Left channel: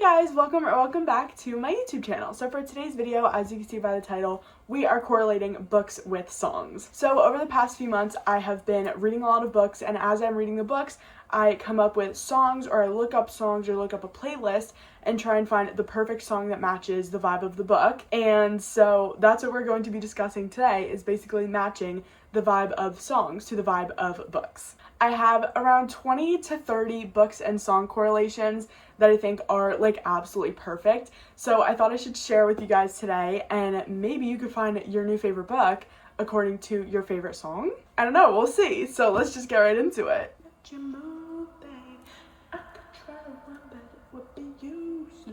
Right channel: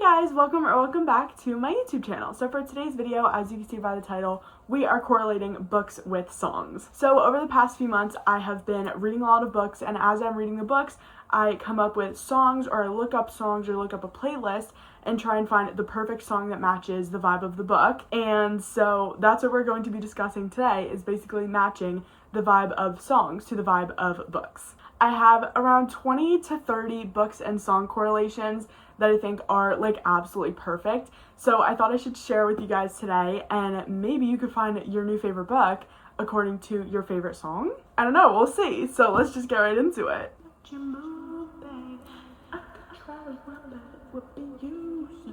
Guys, welcome back to my YouTube channel. So for today's video, as you can see by the title, we are correlating books with songs. So over the past few months, I have been reading a lot of books, and as I'm reading the books, I come up with songs, or I look up songs or look up a playlist and try and find the perfect song that matches the vibe of the book. And so that's what we're going to be discussing today, is basically matching the vibe of songs to the vibe of books. I have around 20 to 30 books and song correlations that I think are like absolutely perfect. So I thought I should share with you guys today, and maybe you could find your new favorite book according to your favorite song. I don't know, we'll see. So let's just get right into it.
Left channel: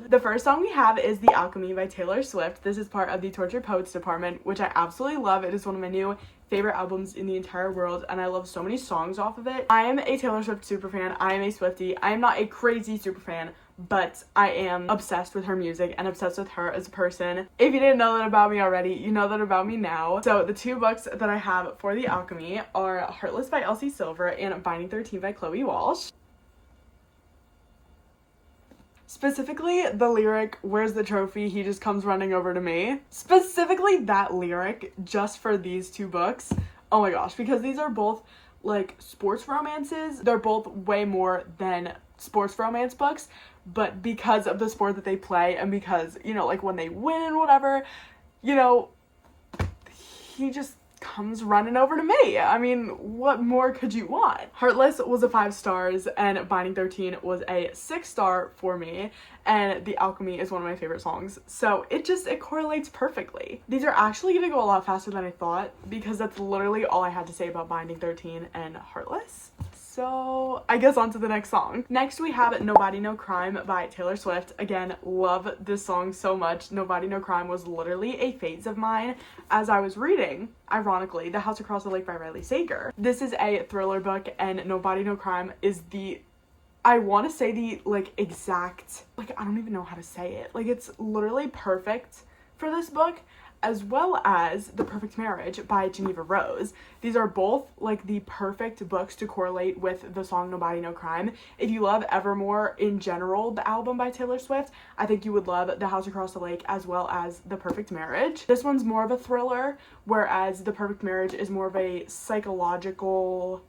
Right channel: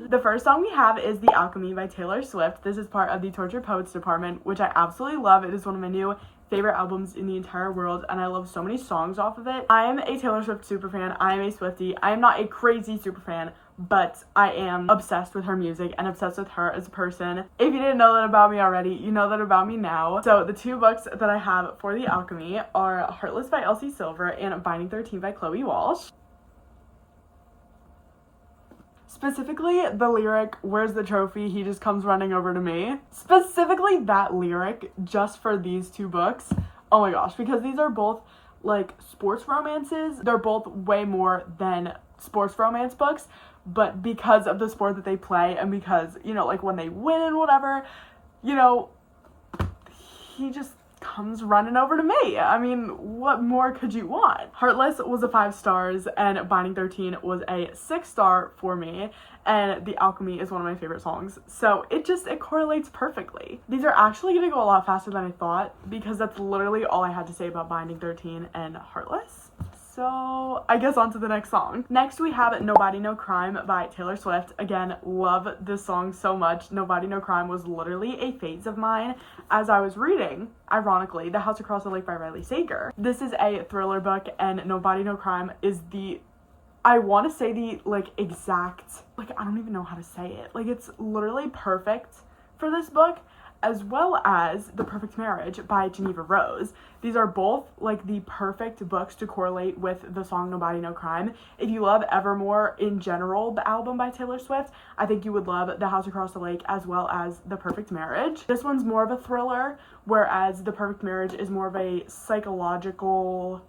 The first song we have is The Alchemy by Taylor Swift. This is part of the Tortured Poets department, which I absolutely love. It is one of my new favorite albums in the entire world, and I love so many songs off of it. I am a Taylor Swift superfan. I am a Swiftie. I am not a crazy superfan, but I am obsessed with her music and obsessed with her as a person. If you didn't know that about me already, you know that about me now. So the two books that I have for The Alchemy are Heartless by Elsie Silver and Binding 13 by Chloe Walsh. Specifically, the lyric, "Where's the trophy? He just comes running over to me." Specifically, that lyric, just for these two books. Oh my gosh, because these are both, like, sports romances. They're both way more than sports romance books, but because of the sport that they play, and because, you know, like, when they win and whatever, you know, he just comes running over to me. I mean, what more could you want? Heartless was a 5 stars, and Binding 13 was a 6-star for me, and The Alchemy is one of my favorite songs. So it correlates perfectly. These are actually gonna go a lot faster than I thought, because that's literally all I had to say about Binding 13 and Heartless. So I guess on to the next song. Next we have No Body No Crime by Taylor Swift. Again, love this song so much. No Body No Crime was literally a phase of mine as I was reading, ironically, The House Across the Lake by Riley Sager. This is a thriller book, and No Body No Crime is I want to say the, like, exact, like, I don't even know how to say it. Like, it's literally perfect for this book, as well as The Perfect Marriage by Geneva Rose. These are both, like, the perfect books to correlate with the song No Body No Crime. If you love Evermore in general, the album by Taylor Swift, I think you would love The House Across the Lake as well as The Perfect Marriage. This one's more of a thriller, whereas The Perfect Marriage is more of a psychological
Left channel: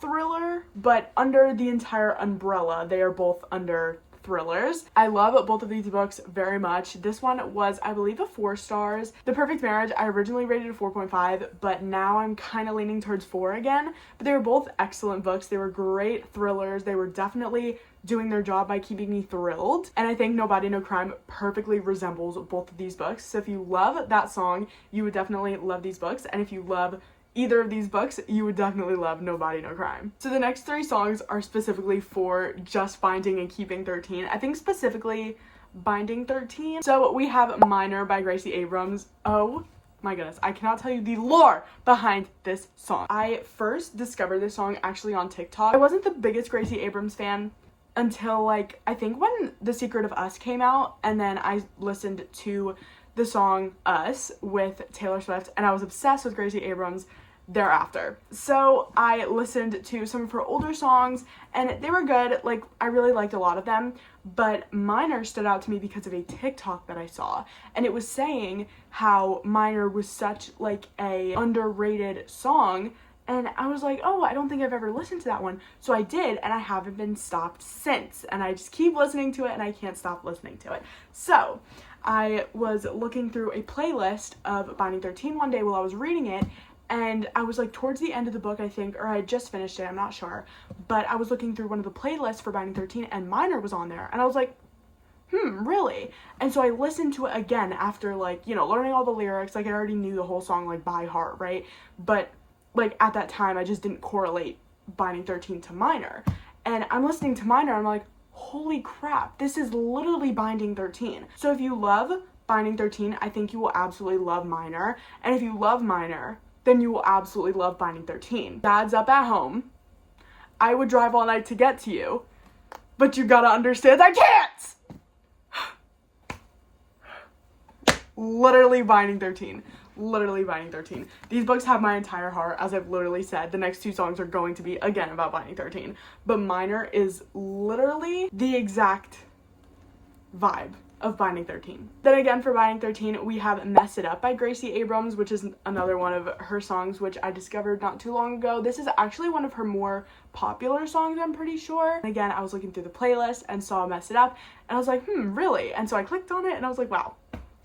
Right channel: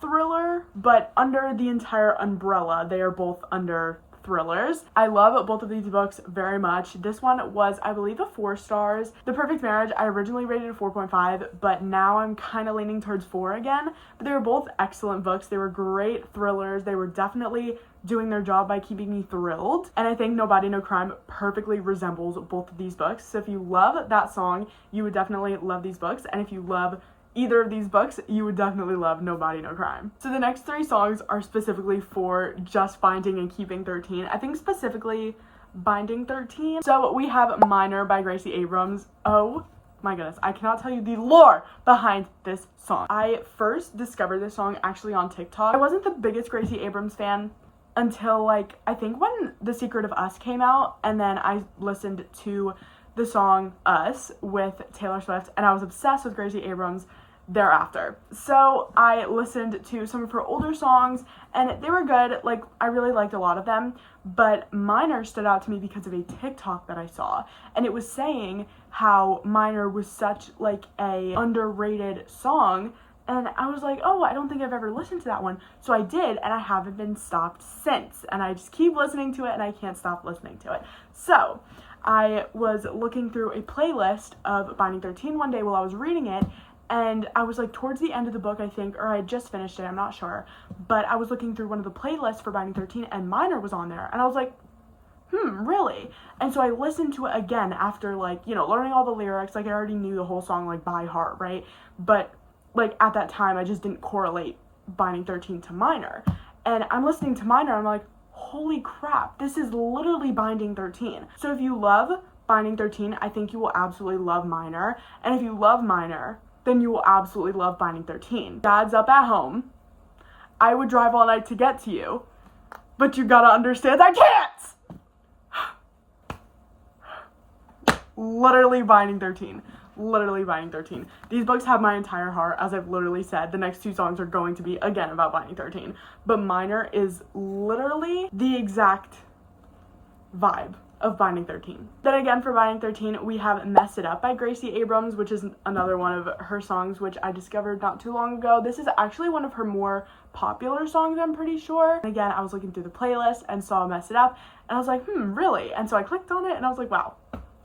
thriller, but under the entire umbrella, they are both under thrillers. I love both of these books very much. This one was, I believe, a 4 stars. The Perfect Marriage, I originally rated a 4.5, but now I'm kind of leaning towards 4 again. But they were both excellent books. They were great thrillers. They were definitely doing their job by keeping me thrilled. And I think No Body No Crime perfectly resembles both of these books. So if you love that song, you would definitely love these books. And if you love either of these books, you would definitely love No Body No Crime. So the next 3 songs are specifically for just Binding and Keeping 13. I think specifically Binding 13. So we have Minor by Gracie Abrams. Oh my goodness, I cannot tell you the lore behind this song. I first discovered this song actually on TikTok. I wasn't the biggest Gracie Abrams fan until, like, I think when The Secret of Us came out, and then I listened to the song Us with Taylor Swift, and I was obsessed with Gracie Abrams thereafter. So I listened to some of her older songs, and they were good. Like, I really liked a lot of them, but Minor stood out to me because of a TikTok that I saw, and it was saying how Minor was such, like, a underrated song, and I was like, oh, I don't think I've ever listened to that one. So I did, and I haven't been stopped since, and I just keep listening to it, and I can't stop listening to it. So I was looking through a playlist of Binding 13 one day while I was reading it, and I was, like, towards the end of the book, I think, or I had just finished it, I'm not sure, but I was looking through one of the playlists for Binding 13, and Minor was on there, and I was like, really? And so I listened to it again after, like, you know, learning all the lyrics. Like, I already knew the whole song, like, by heart, right? But, like, at that time, I just didn't correlate Binding 13 to Minor, and I'm listening to Minor, and I'm like, holy crap, this is literally Binding 13. So if you love Binding 13, I think you will absolutely love Minor, and if you love Minor, then you will absolutely love Binding 13. Dad's up at home. I would drive all night to get to you, but you gotta understand I can't! Literally Binding 13. Literally Binding 13. These books have my entire heart, as I've literally said. The next 2 songs are going to be, again, about Binding 13. But Minor is literally the exact vibe of Binding 13. Then again, for Binding 13, we have Mess It Up by Gracie Abrams, which is another one of her songs, which I discovered not too long ago. This is actually one of her more popular songs, I'm pretty sure. And again, I was looking through the playlist and saw Mess It Up, and I was like, really? And so I clicked on it, and I was like, wow.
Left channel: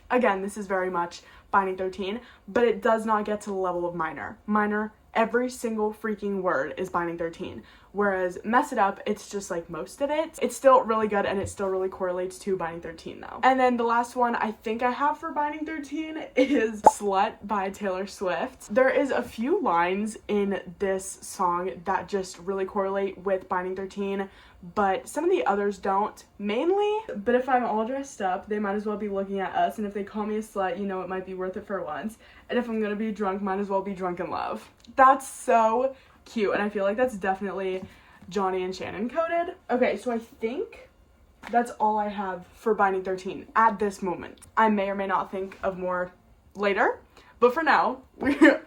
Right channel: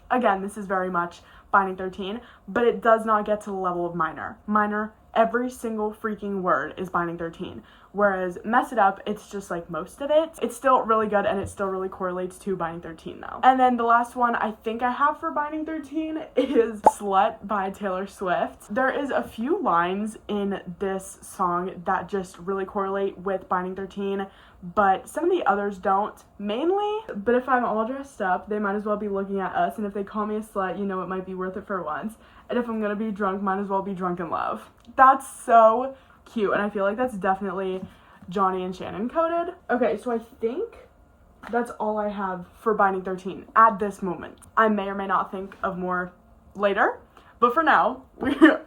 Again, this is very much Binding 13, but it does not get to the level of Minor. Minor, every single freaking word is Binding 13. Whereas Mess It Up, it's just like most of it. It's still really good, and it still really correlates to Binding 13 though. And then the last one I think I have for Binding 13 is Slut by Taylor Swift. There is a few lines in this song that just really correlate with Binding 13, but some of the others don't, mainly. But if I'm all dressed up, they might as well be looking at us, and if they call me a slut, you know it might be worth it for once. And if I'm gonna be drunk, might as well be drunk in love. That's so cute, and I feel like that's definitely Johnny and Shannon coded. Okay, so I think that's all I have for Binding 13 at this moment. I may or may not think of more later, but for now,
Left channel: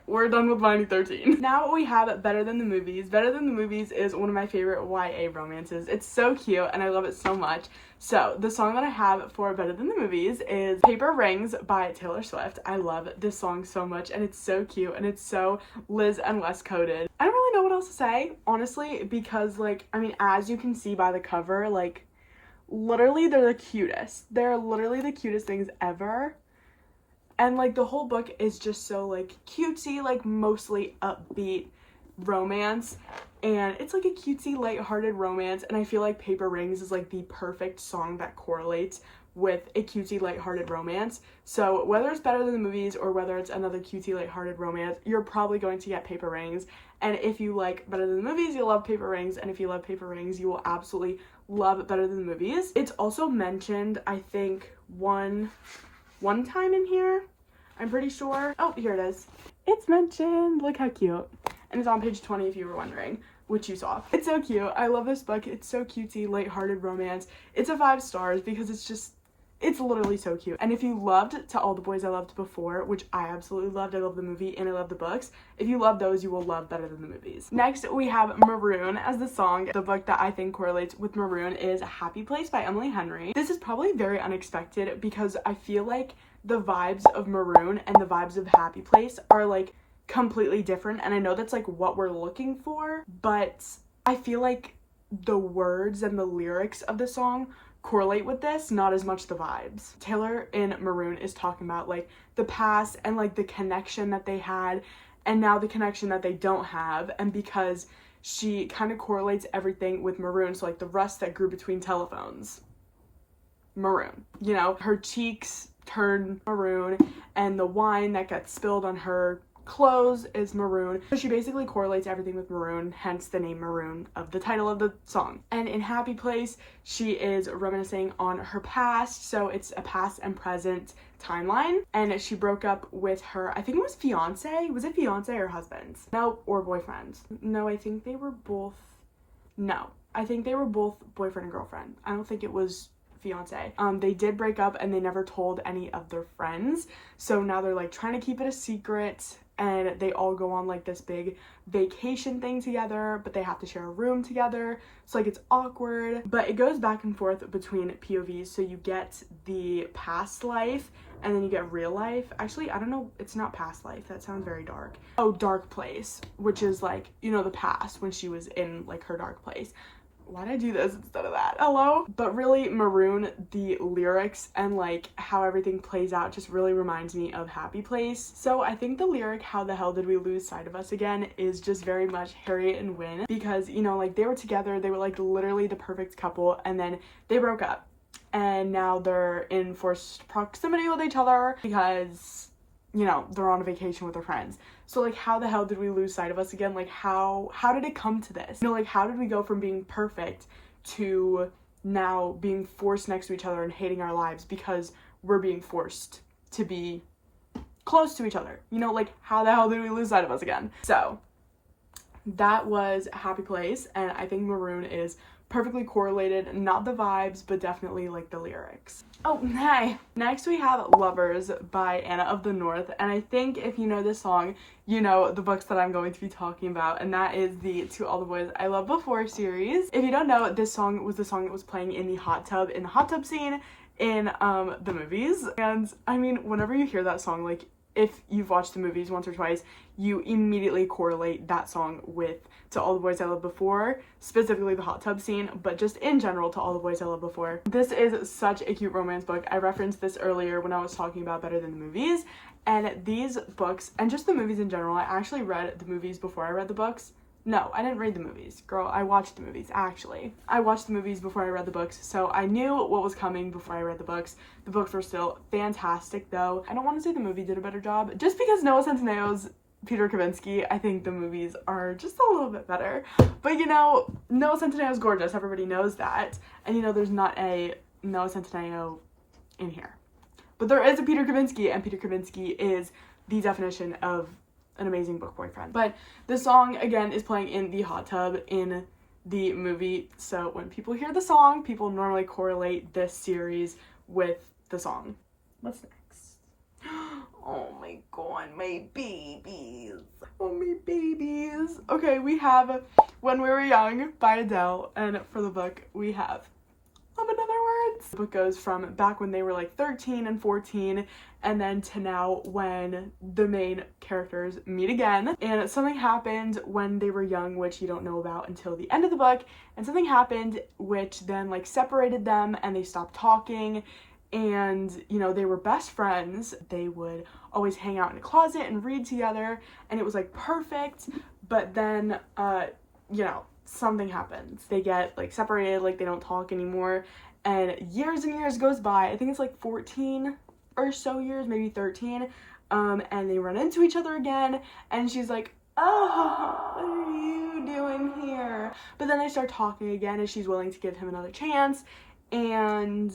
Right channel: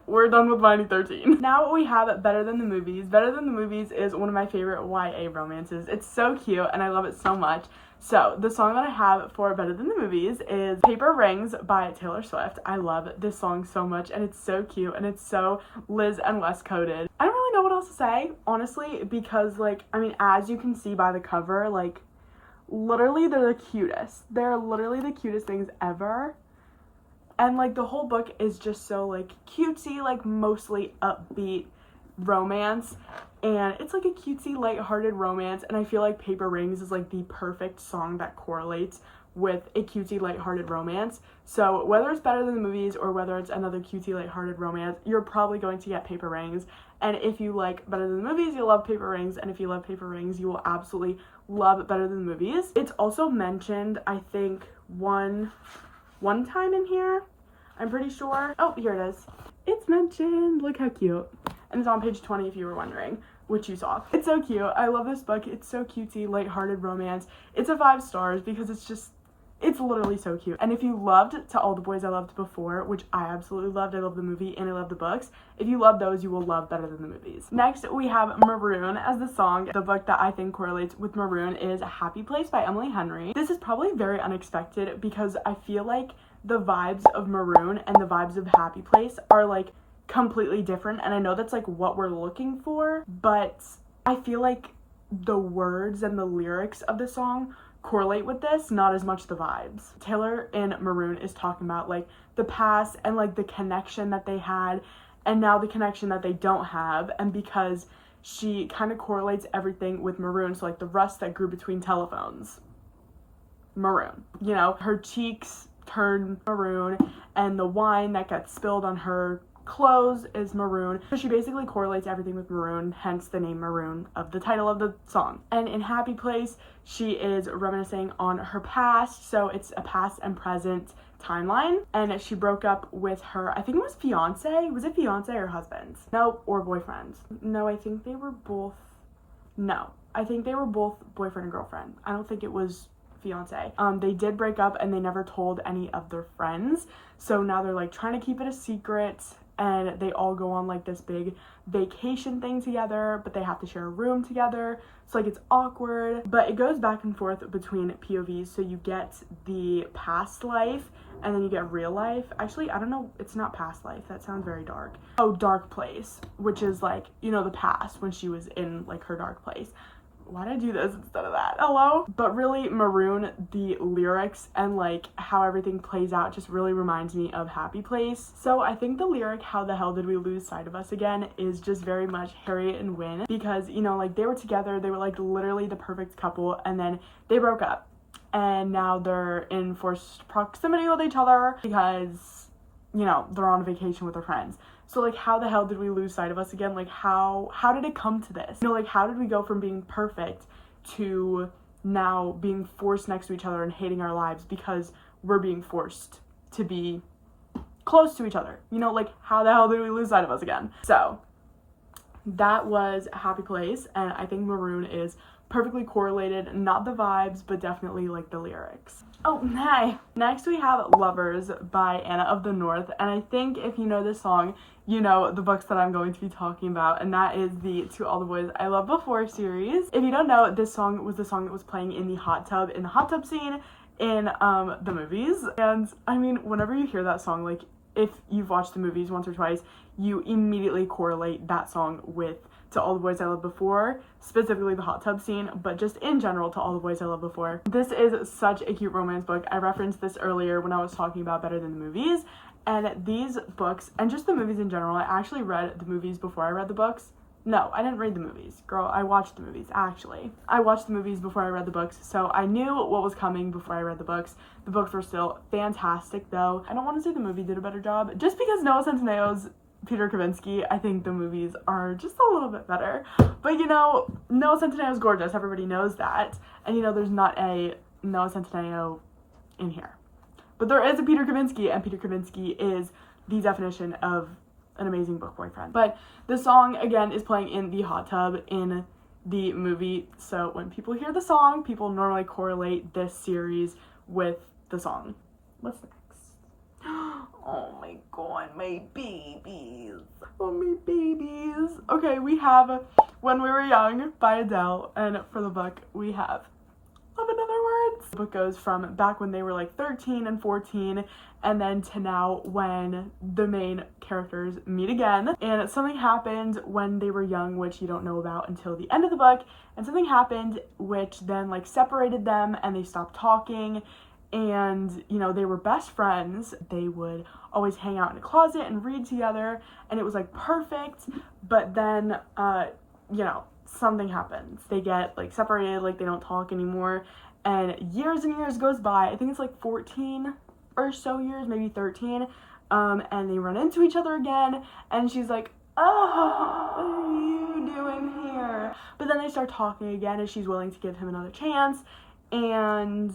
we're done with Binding 13. Now we have Better Than the Movies. Better Than the Movies is one of my favorite YA romances. It's so cute, and I love it so much. So, the song that I have for Better Than the Movies is Paper Rings by Taylor Swift. I love this song so much, and it's so cute, and it's so Liz and Wes coded. I don't really know what else to say, honestly, because, like, I mean, as you can see by the cover, like, literally they're the cutest. They're literally the cutest things ever. And, like, the whole book is just so, like, cutesy, like, mostly upbeat romance. And it's, like, a cutesy, lighthearted romance. And I feel like Paper Rings is, like, the perfect song that correlates with a cutesy, lighthearted romance. So, whether it's Better Than the Movies or whether it's another cutesy, lighthearted romance, you're probably going to get Paper Rings. And if you like Better Than the Movies, you'll love Paper Rings. And if you love Paper Rings, you will absolutely love Better Than the Movies. It's also mentioned, I think, one time in here, I'm pretty sure. Oh, here it is. It's mentioned. Look how cute. And it's on page 20 if you were wondering, which you saw. It's so cute. I love this book. It's so cutesy, lighthearted romance. It's a 5 stars because it's literally so cute. And if you loved To All the Boys I Loved Before, which I absolutely loved, I love the movie and I love the books, if you love those, you will love Better Than the Movies. Next, we have Maroon as the song. The book that I think correlates with Maroon is Happy Place by Emily Henry. This is probably very unexpected because I feel like the vibes of Maroon and the vibes of Happy Place are, like, completely different, and I know that's, like, what we're looking for, but I feel like the words and the lyrics of the song correlate with this, not as much the vibes. Taylor in Maroon is talking about, like, the past and, like, the connection that they had, and now the connection that they don't have, and because she kind of correlates everything with Maroon, so, like, the rust that grew between telephones. Maroon. You know, her cheeks turn maroon, and the wine that gets spilled on her clothes is maroon. So she basically correlates everything with maroon, hence the name Maroon of the title of the song. And in Happy Place, she is reminiscing on her past, so it's a past and present timeline. And she broke up with her, I think it was fiance. Was it fiance or husband? No, or boyfriend. No, I think they were both. No, I think they were both boyfriend and girlfriend. I don't think it was fiance. They did break up and they never told any of their friends, so now they're, like, trying to keep it a secret, and they all go on, like, this big vacation thing together, but they have to share a room together, so, like, it's awkward. But it goes back and forth between POVs, so you get the past life and then you get real life. Actually, I don't know, it's not past life, that sounds very dark. Oh, dark place, which is, like, you know, the past when she was in, like, her dark place. Why did I do this instead of that? Hello? But really, Maroon, the lyrics and, like, how everything plays out just really reminds me of Happy Place. So I think the lyric, how the hell did we lose sight of us again, is just very much Harriet and Wynn, because, you know, like, they were together, they were, like, literally the perfect couple, and then they broke up. And now they're in forced proximity with each other because, you know, they're on a vacation with their friends. So, like, how the hell did we lose sight of us again? Like, how did it come to this? You know, like, how did we go from being perfect to now being forced next to each other and hating our lives because we're being forced to be close to each other? You know, like, how the hell did we lose sight of us again? So, that was Happy Place, and I think Maroon is perfectly correlated, not the vibes, but definitely, like, the lyrics. Oh, hey! Next we have Lovers by Anna of the North, and I think if you know this song, you know the books that I'm going to be talking about, and that is the To All the Boys I Loved Before series. If you don't know, this song was the song that was playing in the hot tub scene in the movies. And I mean, whenever you hear that song, like if you've watched the movies once or twice, you immediately correlate that song with To All the Boys I Loved Before, specifically the hot tub scene, but just in general to All the Boys I Loved Before. This is such a cute romance book. I referenced this earlier when I was talking about Better Than the Movies, and these books, and just the movies in general, I actually read the movies before I read the books. No, I didn't read the movies. Girl, I watched the movies, actually. I watched the movies before I read the books, so I knew what was coming before I read the books. The books were still fantastic, though. I don't want to say the movie did a better job. Just because Noah Centineo's Peter Kavinsky, I think the movies are just a little bit better. But, you know, Noah Centineo's gorgeous. Everybody knows that. And, you know, there's not a Noah Centineo in here. But there is a Peter Kavinsky, and Peter Kavinsky is the definition of an amazing book boyfriend. But the song, again, is playing in the hot tub in the movie. So when people hear the song, people normally correlate this series with the song. What's next? Oh my god, my babies. Oh, my babies. Okay, we have When We Were Young by Adele. And for the book, we have Love in Other Words. The book goes from back when they were like 13 and 14 and then to now when the main characters meet again. And something happened when they were young, which you don't know about until the end of the book. And something happened which then like separated them and they stopped talking. And, you know, they were best friends. They would always hang out in a closet and read together. And it was like perfect. But then, you know, something happens. They get like separated, like they don't talk anymore, and years goes by. I think it's like 14 or so years, maybe 13, and they run into each other again, and she's like, oh, what are you doing here? But then they start talking again, and she's willing to give him another chance, and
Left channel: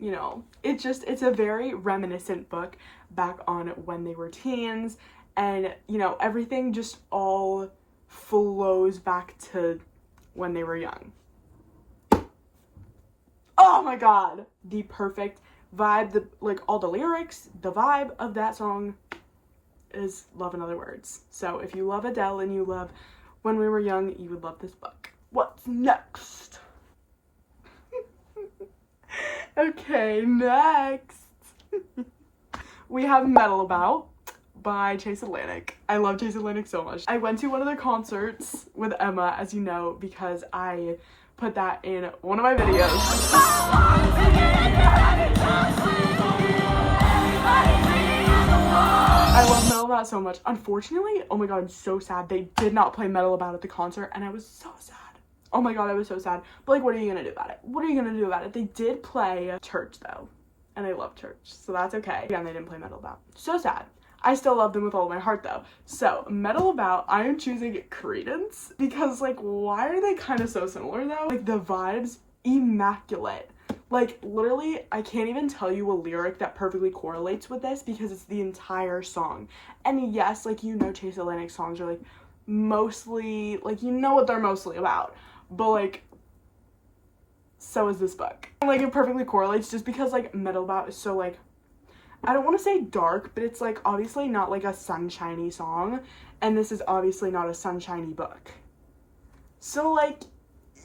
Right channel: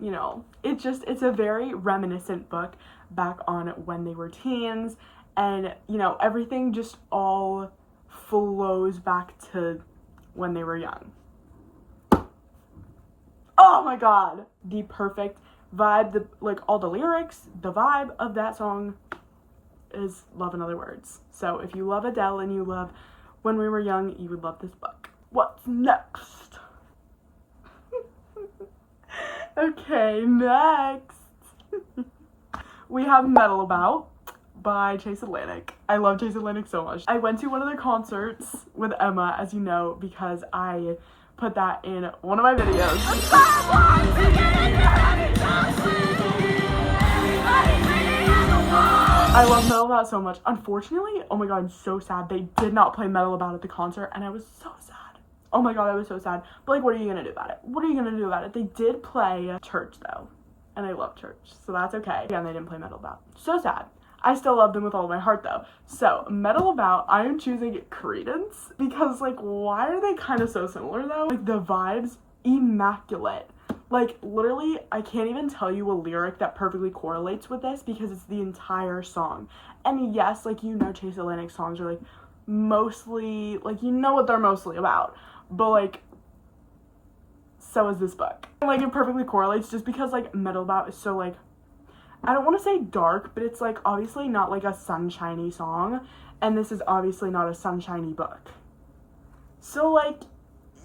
you know, it's a very reminiscent book back on when they were teens, and you know, everything just all flows back to when they were young. Oh my god, the perfect vibe, like all the lyrics, the vibe of that song is Love in Other Words. So if you love Adele and you love When We Were Young, you would love this book. What's next? Okay, next we have Metal About by Chase Atlantic. I love Chase Atlantic so much. I went to one of their concerts with Emma, as you know, because I put that in one of my videos. I love Metal About so much. Unfortunately, oh my god, I'm so sad. They did not play Metal About at the concert, and I was so sad. Oh my god, I was so sad. But like, what are you gonna do about it? What are you gonna do about it? They did play Church, though, and I love Church, so that's okay. Again, they didn't play Metal About. So sad. I still love them with all of my heart, though. So, Metal About, I am choosing Credence, because, like, why are they kind of so similar, though? Like, the vibes, immaculate. Like, literally, I can't even tell you a lyric that perfectly correlates with this, because it's the entire song. And yes, like, you know Chase Atlantic songs are, like, mostly, like, you know what they're mostly about. But, like, so is this book. And, like, it perfectly correlates just because, like, Metal About is so, like, I don't want to say dark, but it's, like, obviously not, like, a sunshiny song, and this is obviously not a sunshiny book. So, like,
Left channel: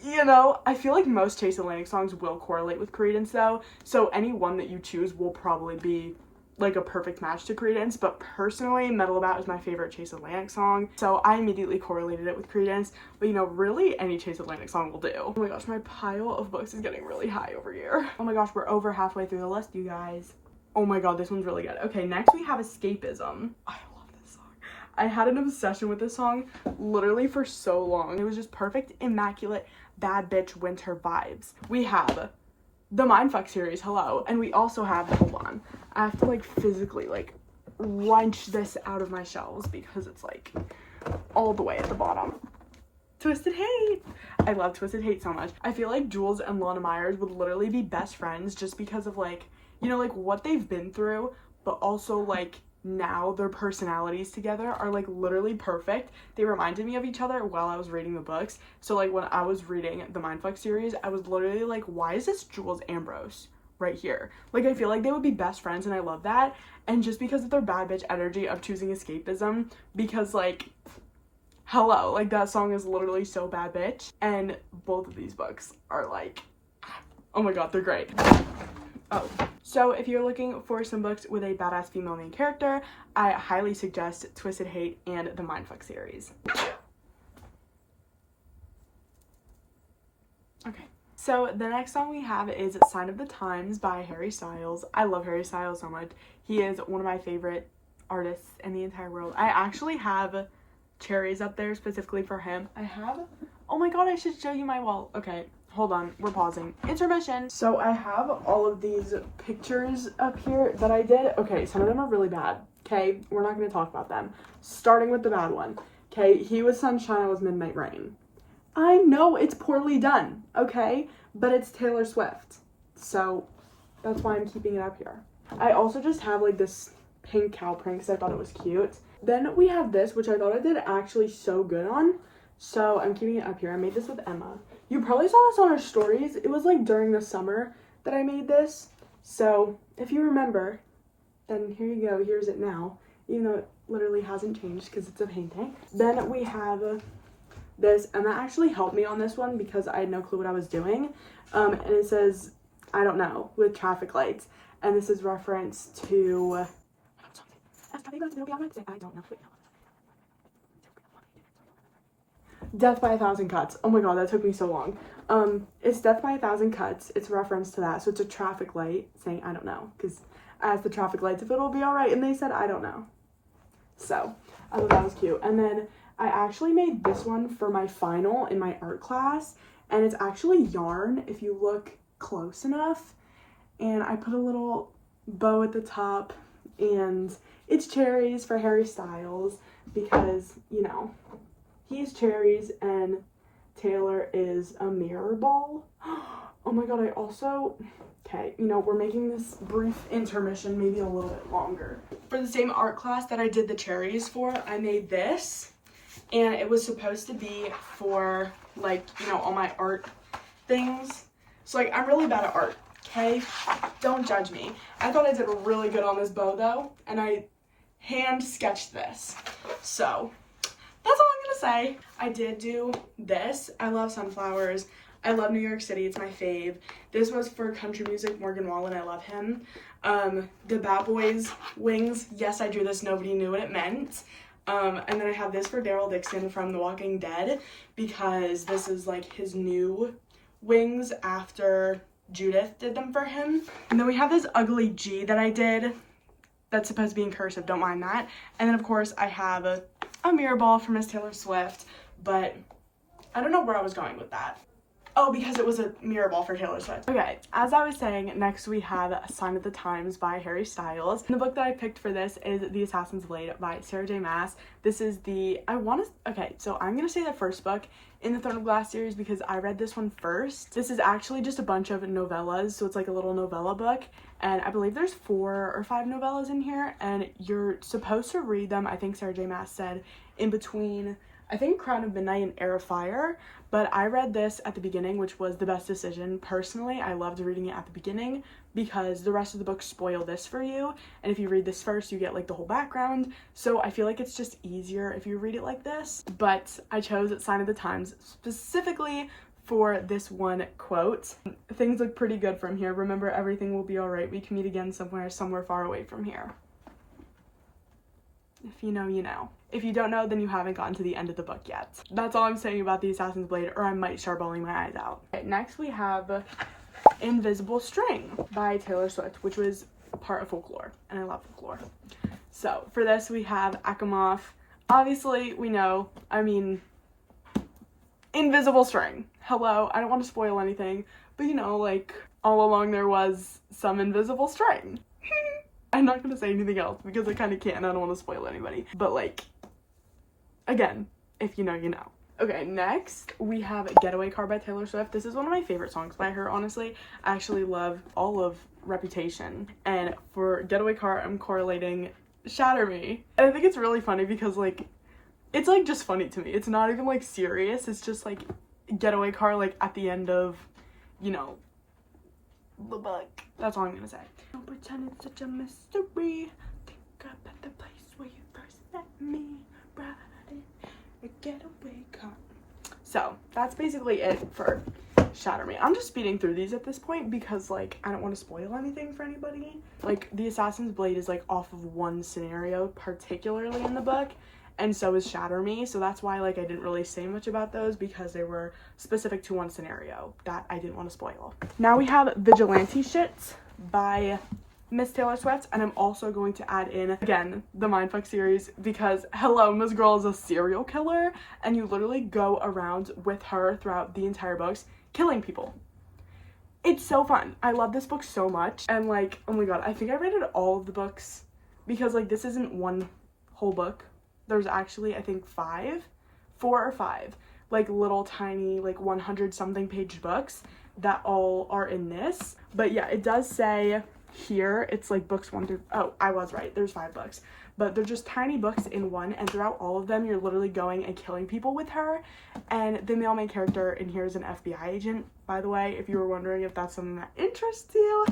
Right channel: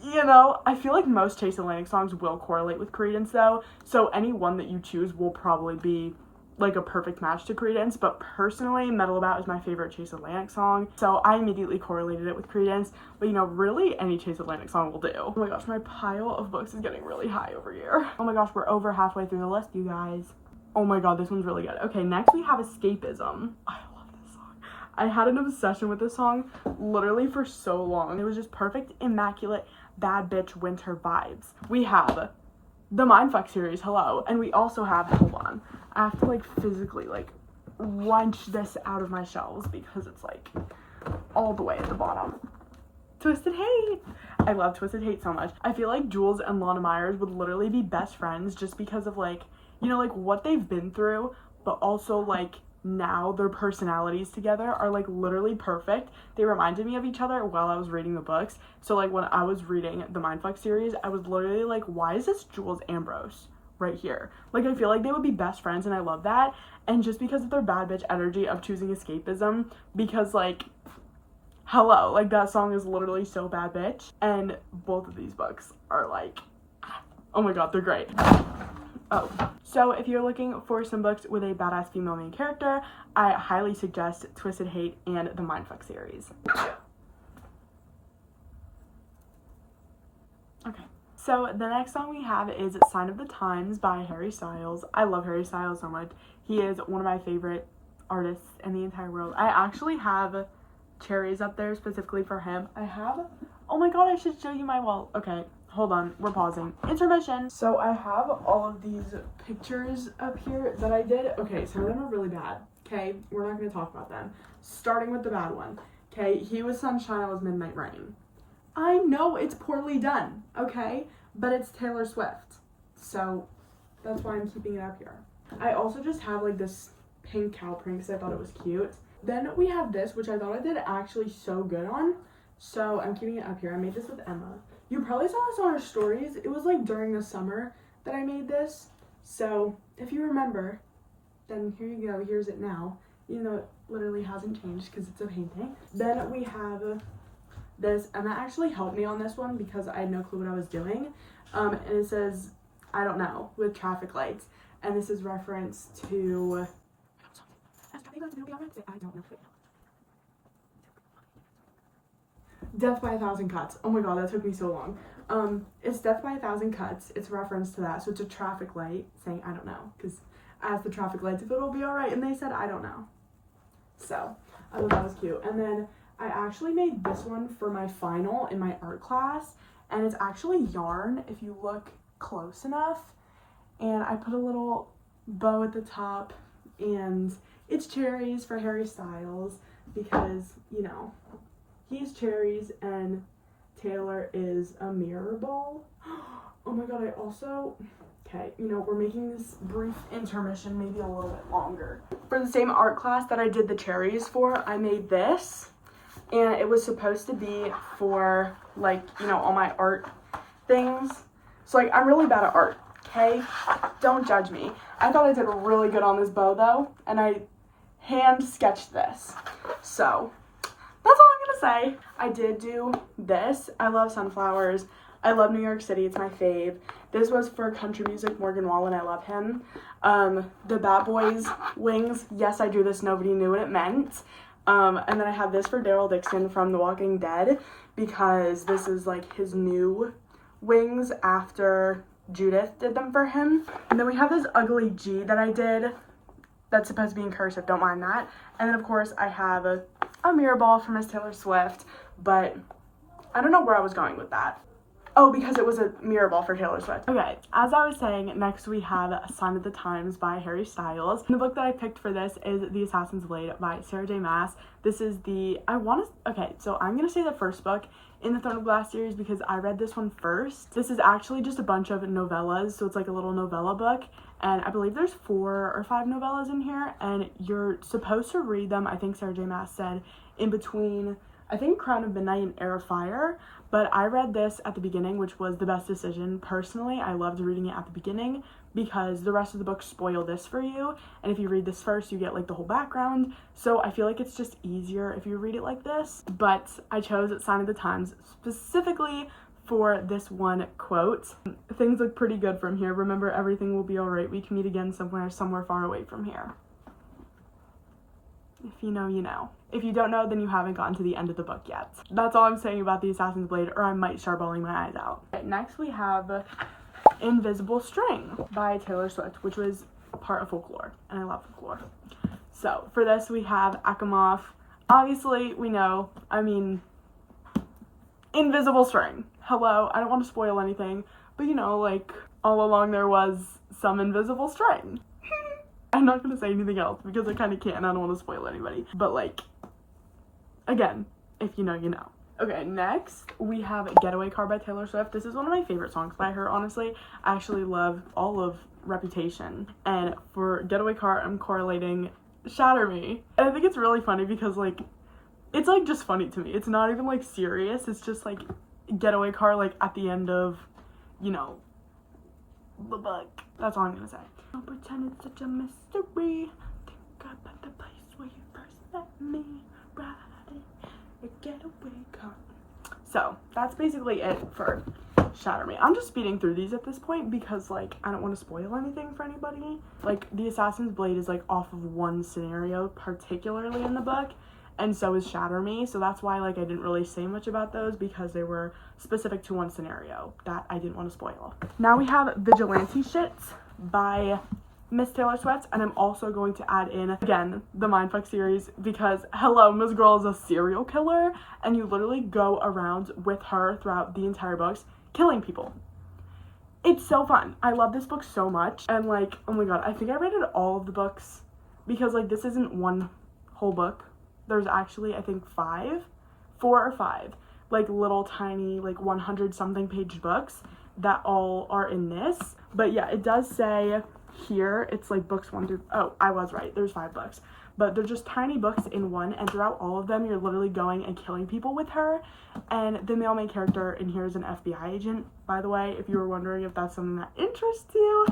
you know, I feel like most Chase Atlantic songs will correlate with Credence, though, so any one that you choose will probably be, like, a perfect match to Credence, but personally, Metal About is my favorite Chase Atlantic song, so I immediately correlated it with Credence, but, you know, really, any Chase Atlantic song will do. Oh my gosh, my pile of books is getting really high over here. Oh my gosh, we're over halfway through the list, you guys. Oh my god, this one's really good. Okay, next we have Escapism. I love this song. I had an obsession with this song literally for so long. It was just perfect, immaculate, bad bitch winter vibes. We have the Mindfuck series, hello, and we also have, hold on, I have to, like, physically, like, wrench this out of my shelves because it's, like, all the way at the bottom. Twisted Hate. I love Twisted Hate so much. I feel like Jules and Lana Myers would literally be best friends just because of, like, you know, like, what they've been through, but also, like, now their personalities together are, like, literally perfect. They reminded me of each other while I was reading the books. So, like, when I was reading the Mindfuck series, I was literally like, why is this Jules Ambrose right here? Like, I feel like they would be best friends, and I love that. And just because of their bad bitch energy of choosing escapism, because, like, hello, like, that song is literally so bad bitch. And both of these books are, like, oh my god, they're great. Oh, so if you're looking for some books with a badass female main character, I highly suggest Twisted Hate and the Mindfuck series. Okay, so the next song we have is Sign of the Times by Harry Styles. I love Harry Styles so much. He is one of my favorite artists in the entire world. I actually have cherries up there specifically for him. Oh my god, I should show you my wall. Okay, hold on, we're pausing. Intermission. So I have all of these pictures up here that I did. Okay, some of them are really bad. Okay, we're not going to talk about them. Starting with the bad one. Okay, he was sunshine, I was midnight rain. I know it's poorly done, okay? But it's Taylor Swift. So that's why I'm keeping it up here. I also just have like this pink cow print because I thought it was cute. Then we have this, which I thought I did actually so good on. So I'm keeping it up here. I made this with Emma. You probably saw this on our stories. It was like during the summer that I made this. So if you remember, then here you go. Here's it now. Even though it literally hasn't changed because it's a painting. Then we have this, and that actually helped me on this one because I had no clue what I was doing. And it says, I don't know, with traffic lights. And this is reference to... I don't know. Death by a Thousand Cuts. Oh my god, that took me so long. It's Death by a Thousand Cuts. It's a reference to that. So it's a traffic light saying, I don't know. Because I asked the traffic lights if it'll be alright, and they said, I don't know. So, I thought that was cute. And then I actually made this one for my final in my art class. And it's actually yarn if you look close enough. And I put a little bow at the top. And it's cherries for Harry Styles. Because, you know, he's cherries and Taylor is a mirror ball. Oh my god, I also... Okay, you know, we're making this brief intermission maybe a little bit longer. For the same art class that I did the cherries for, I made this. And it was supposed to be for, like, you know, all my art things. So, like, I'm really bad at art, okay? Don't judge me. I thought I did really good on this bow, though. And I hand sketched this. So, that's all I'm gonna say. I did do this. I love sunflowers. I love New York City. It's my fave. This was for country music, Morgan Wallen. I love him. The Bad Boys wings. Yes, I drew this. Nobody knew what it meant. And then I have this for Daryl Dixon from The Walking Dead because this is like his new wings after Judith did them for him. And then we have this ugly G that I did that's supposed to be in cursive. Don't mind that. And then, of course, I have a mirror ball for Miss Taylor Swift, but I don't know where I was going with that. Oh, because it was a mirror ball for Taylor Swift. Okay, as I was saying, next we have A Sign of the Times by Harry Styles. And the book that I picked for this is The Assassin's Blade by Sarah J. Maas. This is okay, so I'm gonna say the first book in the Throne of Glass series because I read this one first. This is actually just a bunch of novellas, so it's like a little novella book. And I believe there's 4 or 5 novellas in here, and you're supposed to read them, I think Sarah J. Maas said, in between, I think, Crown of Midnight and Heir of Fire. But I read this at the beginning, which was the best decision. Personally, I loved reading it at the beginning because the rest of the books spoil this for you. And if you read this first, you get like the whole background. So I feel like it's just easier if you read it like this. But I chose Sign of the Times specifically for this one quote. Things look pretty good from here. Remember, everything will be all right. We can meet again somewhere far away from here. If you know, you know. If you don't know, then you haven't gotten to the end of the book yet. That's all I'm saying about The Assassin's Blade, or I might start bawling my eyes out. Okay, next we have Invisible String by Taylor Swift, which was part of folklore, and I love folklore. So, for this we have Akhmov. Obviously, we know, Invisible String. Hello, I don't want to spoil anything, but you know, like, all along there was some invisible string. I'm not going to say anything else because I kind of can't and I don't want to spoil anybody. But like, again, if you know, you know. Okay, next we have Getaway Car by Taylor Swift. This is one of my favorite songs by her, honestly. I actually love all of Reputation. And for Getaway Car, I'm correlating Shatter Me. And I think it's really funny because like, it's like just funny to me. It's not even like serious. It's just like Getaway Car like at the end of, you know, the book. That's all I'm going to say. Don't pretend it's such a mystery. Think about the place where you first met me. Riding a getaway car. So, that's basically it for Shatter Me. I'm just speeding through these at this point because, like, I don't want to spoil anything for anybody. Like, the Assassin's Blade is, like, off of one scenario, particularly in the book, and so is Shatter Me, so that's why, like, I didn't really say much about those because they were specific to one scenario that I didn't want to spoil. Now we have Vigilante Shits by Miss Taylor Swift, and I'm also going to add in, again, the Mindfuck series because, hello, Miss Girl is a serial killer, and you literally go around with her throughout the entire books, killing people. It's so fun. I love this book so much, and, like, oh my god, I think I rated all of the books because, like, this isn't one whole book. There's actually, I think, 4 or 5, like, little tiny, like, 100-something page books that all are in this. But yeah, it does say here it's like books 1 through, oh, I was right, there's 5 books, but they're just tiny books in one, and throughout all of them you're literally going and killing people with her. And the male main character in here is an FBI agent, by the way, if you were wondering if that's something that interests you.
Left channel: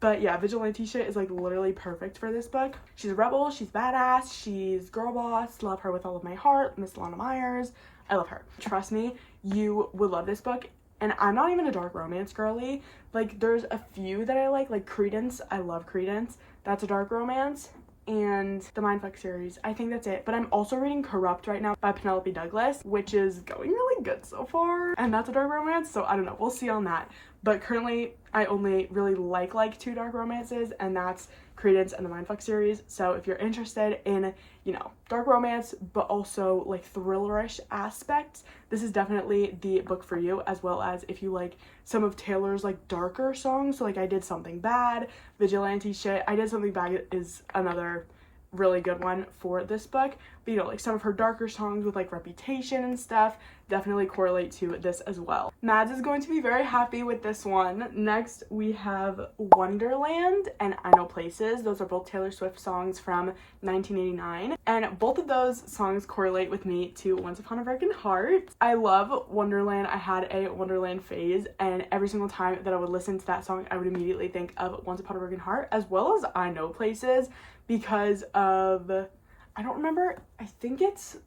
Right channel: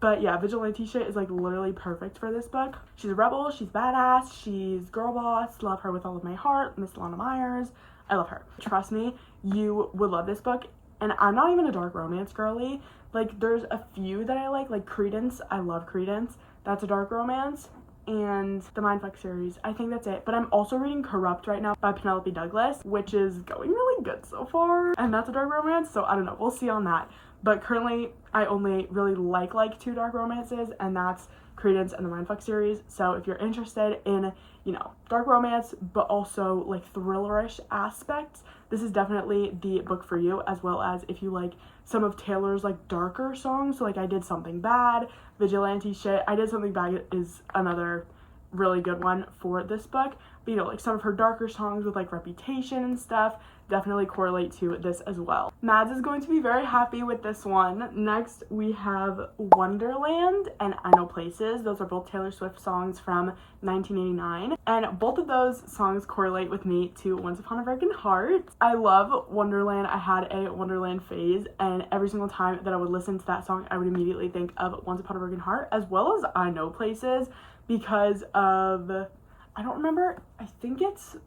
But yeah, Vigilante Shit is, like, literally perfect for this book. She's a rebel, she's badass, she's girl boss, love her with all of my heart, Miss Lana Myers, I love her. Trust me, you would love this book. And I'm not even a dark romance girly. Like, there's a few that I like Credence. I love Credence. That's a dark romance. And the Mindfuck series. I think that's it. But I'm also reading Corrupt right now by Penelope Douglas, which is going really good so far. And that's a dark romance, so I don't know. We'll see on that. But currently, I only really like 2 dark romances, and that's Credence and the Mindfuck series. So if you're interested in, you know, dark romance, but also, like, thrillerish aspects, this is definitely the book for you, as well as if you like some of Taylor's, like, darker songs. So, like, I Did Something Bad, Vigilante Shit. I Did Something Bad is another really good one for this book. But, you know, like, some of her darker songs with, like, Reputation and stuff definitely correlate to this as well. Mads is going to be very happy with this one. Next, we have Wonderland and I Know Places. Those are both Taylor Swift songs from 1989. And both of those songs correlate with me to Once Upon a Broken Heart. I love Wonderland. I had a Wonderland phase, and every single time that I would listen to that song, I would immediately think of Once Upon a Broken Heart, as well as I Know Places, because of, I don't remember, I think it's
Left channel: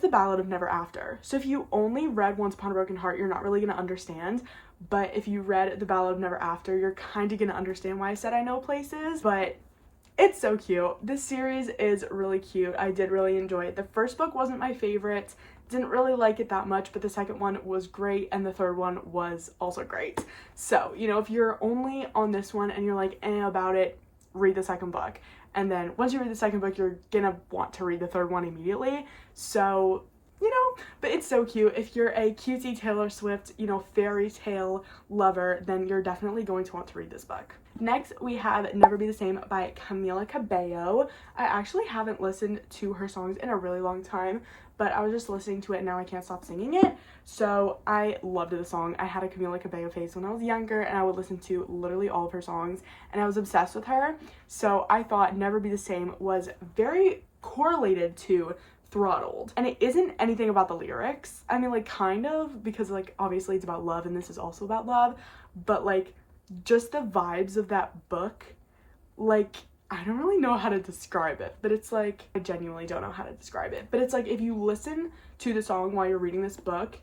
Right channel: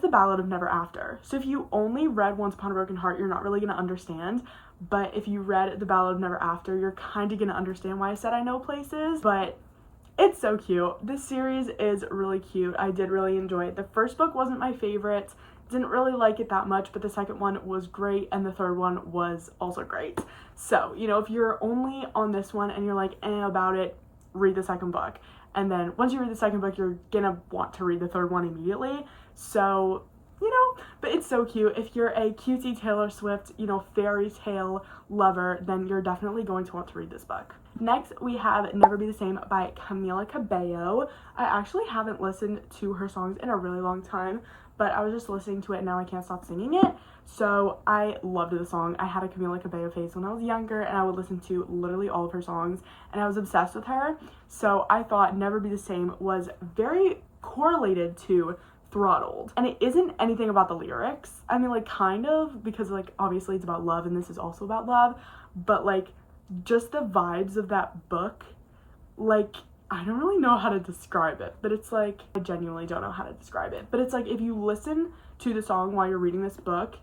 The Ballad of Never After. So if you only read Once Upon a Broken Heart, you're not really going to understand. But if you read The Ballad of Never After, you're kind of going to understand why I said I Know Places. But it's so cute. This series is really cute. I did really enjoy it. The first book wasn't my favorite. Didn't really like it that much, but the second one was great, and the third one was also great. So, you know, if you're only on this one and you're like, about it, read the second book. And then once you read the second book, you're gonna want to read the third one immediately. So, you know, but it's so cute. If you're a cutesy Taylor Swift, you know, fairy tale lover, then you're definitely going to want to read this book. Next, we have Never Be the Same by Camila Cabello. I actually haven't listened to her songs in a really long time, but I was just listening to it and now I can't stop singing it. So I loved the song. I had a Camila Cabello phase when I was younger, and I would listen to literally all of her songs, and I was obsessed with her. So I thought Never Be the Same was very correlated to Throttled. And it isn't anything about the lyrics. I mean, like, kind of, because, like, obviously it's about love, and this is also about love, but, like, just the vibes of that book, like, I don't really know how to describe it, but it's like, I genuinely don't know how to describe it, but it's like, if you listen to the song while you're reading this book,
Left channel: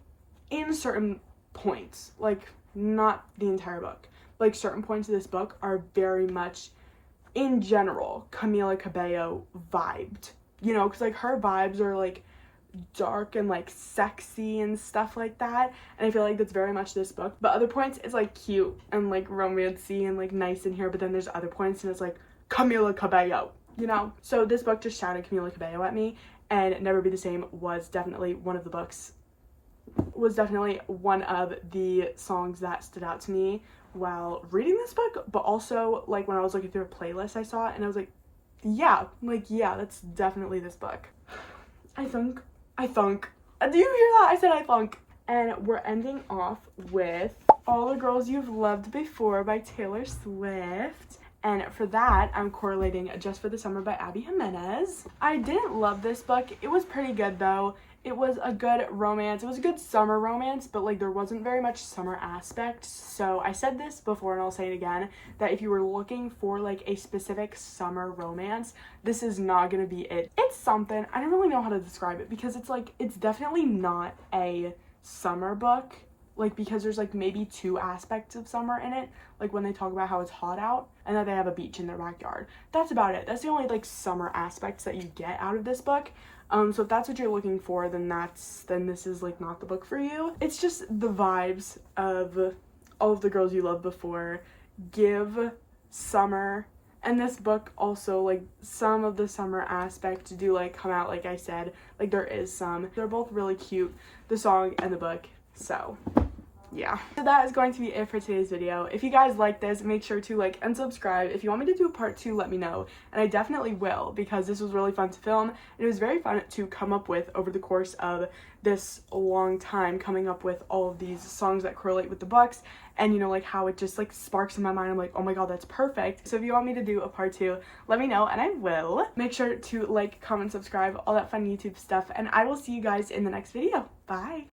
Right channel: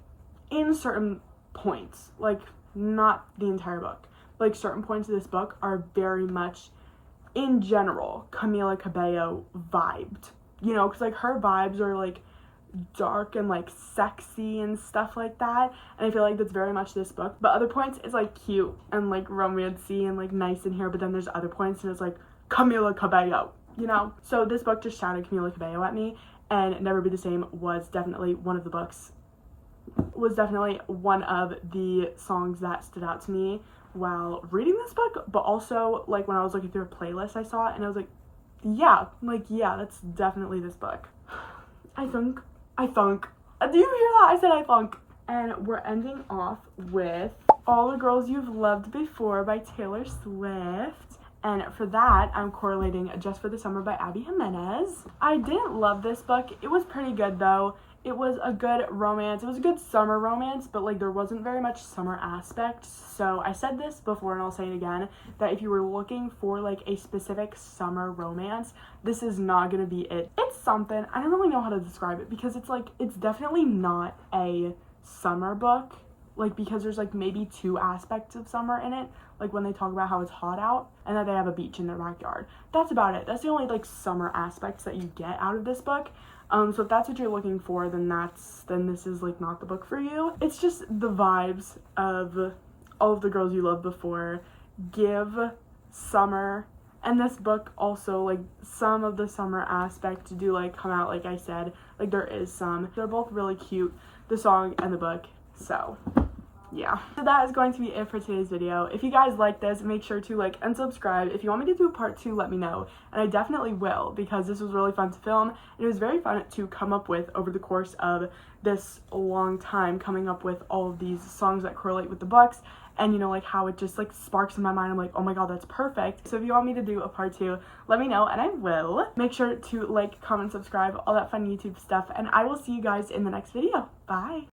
in certain points, like, not the entire book, like, certain points of this book are very much, in general, Camila Cabello vibed, you know, because, like, her vibes are, like, dark and, like, sexy and stuff like that, and I feel like that's very much this book. But other points is, like, cute and, like, romancy and, like, nice in here, but then there's other points and it's like Camila Cabello, you know. So this book just shouted Camila Cabello at me, and Never Be the Same was definitely one of the songs that stood out to me while reading this book. But also, like, when I was looking through a playlist, I saw it and I was like, yeah, that's definitely this book. I thunk. Do you hear that? I said I thunk. And we're ending off with All the Girls You've Loved Before by Taylor Swift. And for that, I'm correlating Just for the Summer by Abby Jimenez. I didn't love this book. It was pretty good, though. It was a good romance. It was a good summer romance, but, like, there wasn't very much summer aspect. So I said this before, and I'll say it again, that if you were looking for, like, a specific summer romance, this is not gonna be it. It's something. I don't really know how to describe it, because it's, like, it's definitely not a summer book. like, because there's like maybe 2 aspects of summer in it, like when they talk about how it's hot out and that they have a beach in their backyard. That's about it. That's the only like summer aspects that you get out of this book. So if that's what you're looking for, then this is like not the book for you. It's just the vibes of All of the Girls You Loved Before give summer, and this book also, like, some of the summer aspects do like come out, like I said, like there is some. They're both really cute, the song and the book. So yeah, so that is going to be it for today's video. If you guys like this, make sure to like and subscribe. If you want me to do a part 2, let me know, and I definitely will, because this was really fun to film, and it was very fun to come up with over the course of this long time, coming up with all of these songs that correlate with the books, and you know, like how it just like sparks in my mind. I'm like, oh my god, that's perfect. So if you want me to do a part 2, let me know and I will. Make sure to like, comment, subscribe, all that fun YouTube stuff, and I will see you guys in the next video. Bye.